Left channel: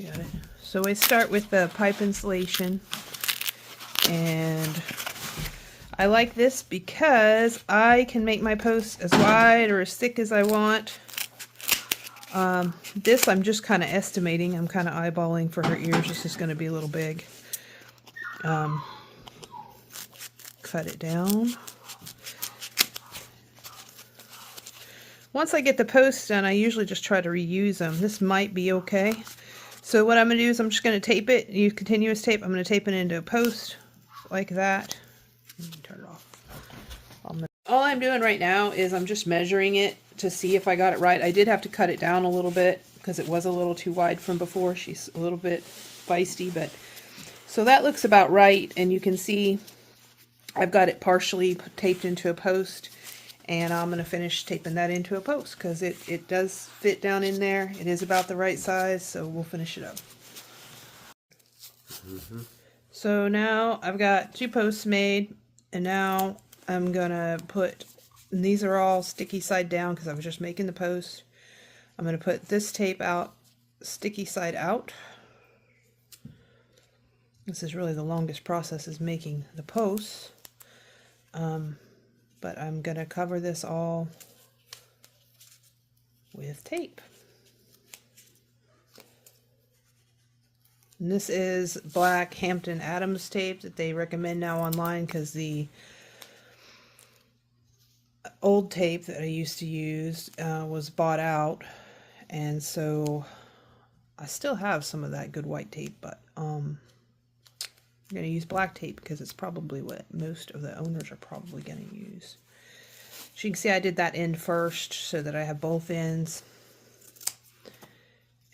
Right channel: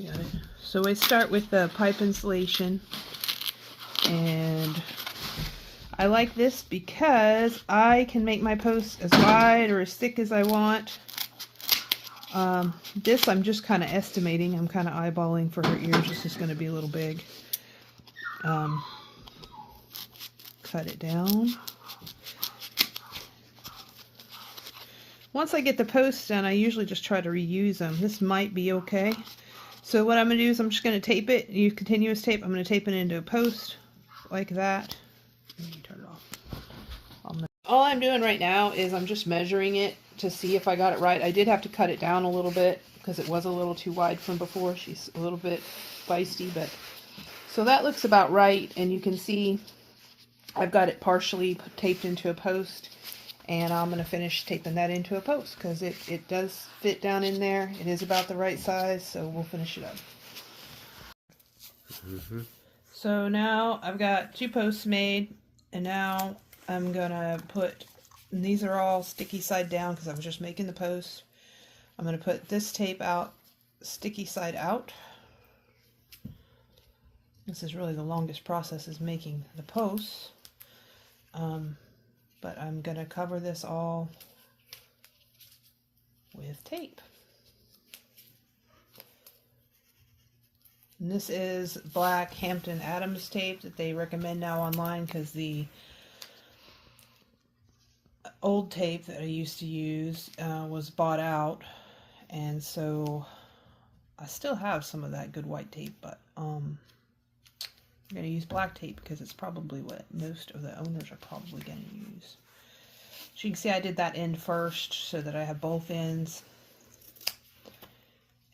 Got it. So we start with the pipe insulation, and I like this because I can make my posts as wide or as thick as I want. This I'm just kind of estimating. I'm kind of eyeballing for her ears. This is going to be a little big. Cut it down. Once I get the posts done, I usually just try to reuse them. This might be okay. So what I'm going to do is I'm just going to tape it. Use continuous tape. I'm going to tape it into a post like that. Turn it off. All I'm doing right now is I'm just measuring it to see if I got it right. I did have to cut it down a little bit because it was a little too wide from before. She's a little bit feisty, but so that looks about right. And you can see I've got it partially taped into a post, and I'm going to finish taping that into a post because it does fit down in there. It is about the right size, so we'll finish it up. So now I've got 2 posts made, and now I'm going to put, and these are all sticky side down because I was just making the post. I'm going to put this tape out, sticky side out. This is really the longest process, is making the posts. But I'm going to cover this all with tape. And this is black Hampton Adams tape that they recommend now online because the old tape that I used to use was bought out, and so I still have some of that good white tape, but I'm going to use black tape because it's probably what most of the owners are probably going to use. So you can see I did that end first so that I have both ends,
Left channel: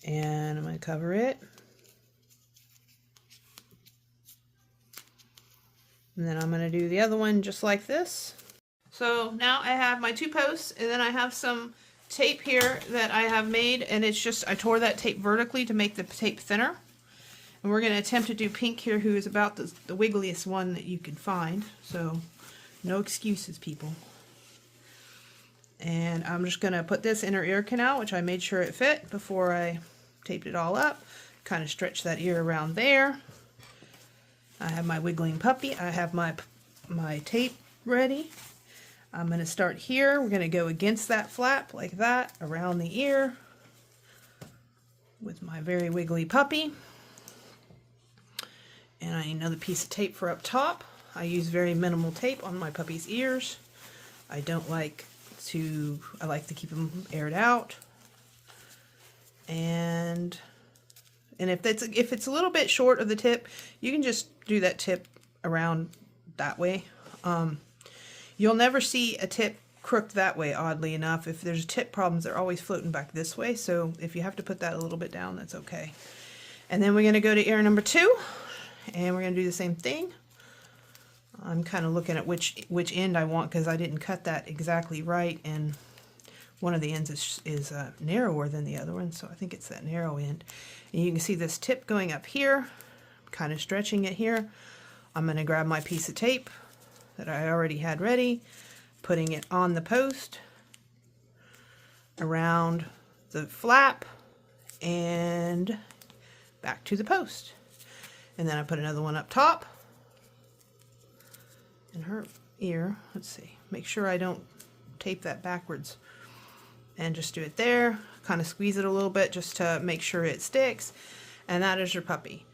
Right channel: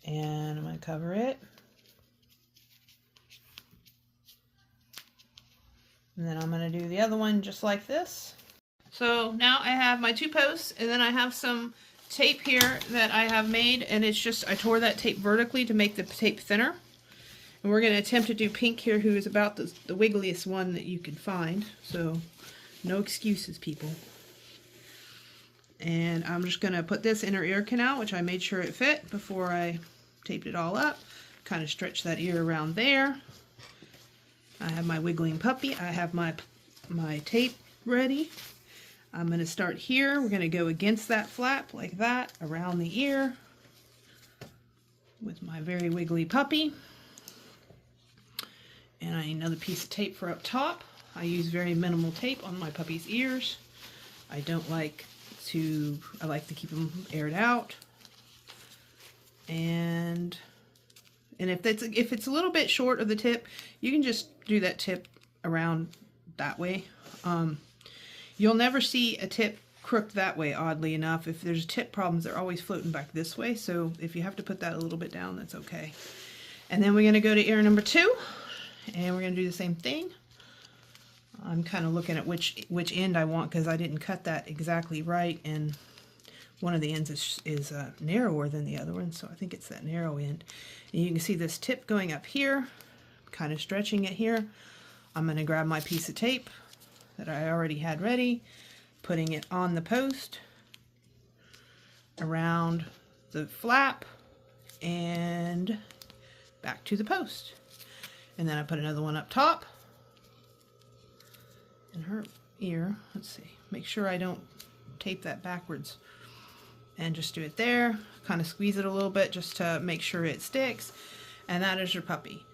and I'm going to cover it. And then I'm going to do the other one just like this. So now I have my 2 posts, and then I have some tape here that I have made, and it's just, I tore that tape vertically to make the tape thinner. And we're going to attempt to do Pink here, who is about the wiggliest one that you can find. So no excuses, people. And I'm just going to put this in her ear canal, which I made sure it fit before I taped it all up. Kind of stretch that ear around there. I have my wiggling puppy. I have my tape ready. I'm going to start here. We're going to go against that flap like that around the ear with my very wiggly puppy. And I need another piece of tape for up top. I use very minimal tape on my puppy's ears. I like to keep them aired out. And if it's a little bit short of the tip, you can just do that tip around that way. You'll never see a tip crook that way, oddly enough. If there's tip problems, they're always floating back this way. So if you have to put that a little bit down, that's okay. And then we're going to go to ear number 2, and we're going to do the same thing. I'm kind of looking at which end I want because I didn't cut that exactly right, and one of the ends is narrower than the other one, so I think it's that narrow end. And you can see this tip going up here, kind of stretching it here. I'm going to grab my piece of tape that I already had ready, putting it on the post, around the flap, and back to the post. And then I put another one up top. In her ear, let's see, make sure I don't tape that backwards, and just do it there, kind of squeeze it a little bit just to make sure it sticks, and that is your puppy.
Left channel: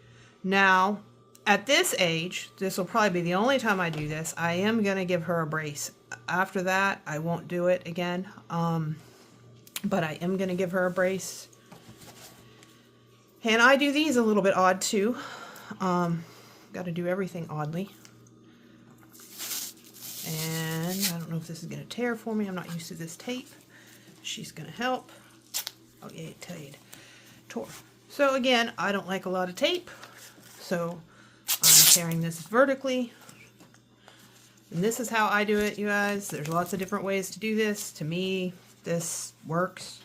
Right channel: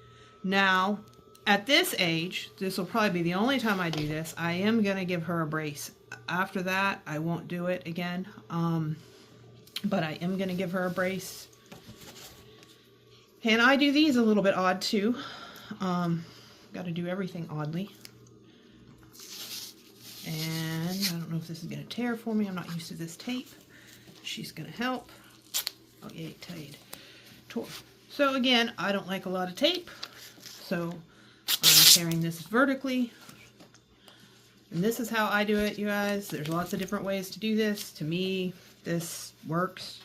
Now at this age, this will probably be the only time I do this. I am going to give her a brace. After that I won't do it again, but I am going to give her a brace. And I do these a little bit odd too. Got to do everything oddly. And I don't know if this is going to tear for me. I'm not used to this tape. She's going to help. Oh, yeah, it tore. So again, I don't like a lot of tape. So I'm tearing this vertically. And this is how I do it, you guys. There's lots of different ways to do this. To me, this works.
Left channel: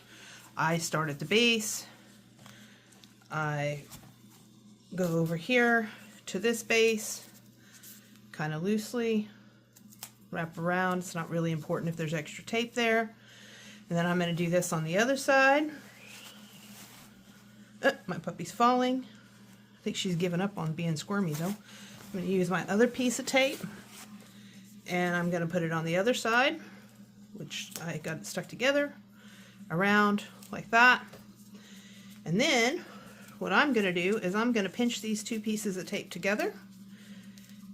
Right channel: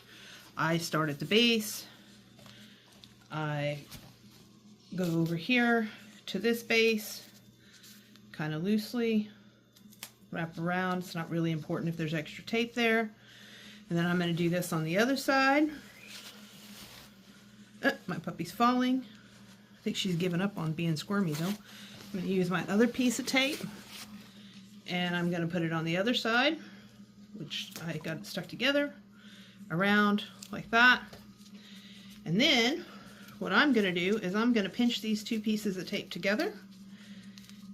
I start at the base. I go over here to this base, kind of loosely. Wrap around. It's not really important if there's extra tape there. And then I'm going to do this on the other side. My puppy's falling. I think she's given up on being squirmy though. I'm going to use my other piece of tape, and I'm going to put it on the other side, which I got it stuck together around like that. And then what I'm going to do is I'm going to pinch these two pieces of tape together,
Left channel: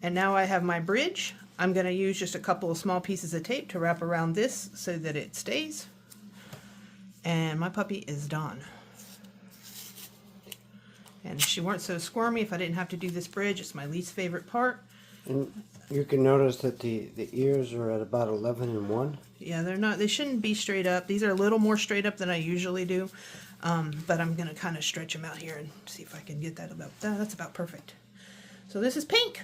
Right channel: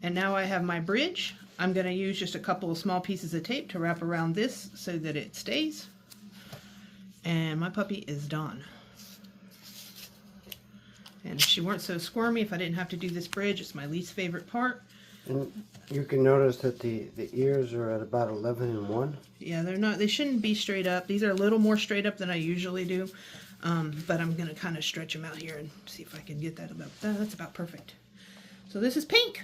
and now I have my bridge. I'm going to use just a couple of small pieces of tape to wrap around this so that it stays, and my puppy is done. And if she weren't so squirmy, if I didn't have to do this bridge, it's my least favorite part. And you can notice that the ears are at about 11 and 1. Yeah, they shouldn't be straight up. These are a little more straight up than I usually do. But I'm going to kind of stretch them out here and see if I can get that about, that's about perfect. So this is pink.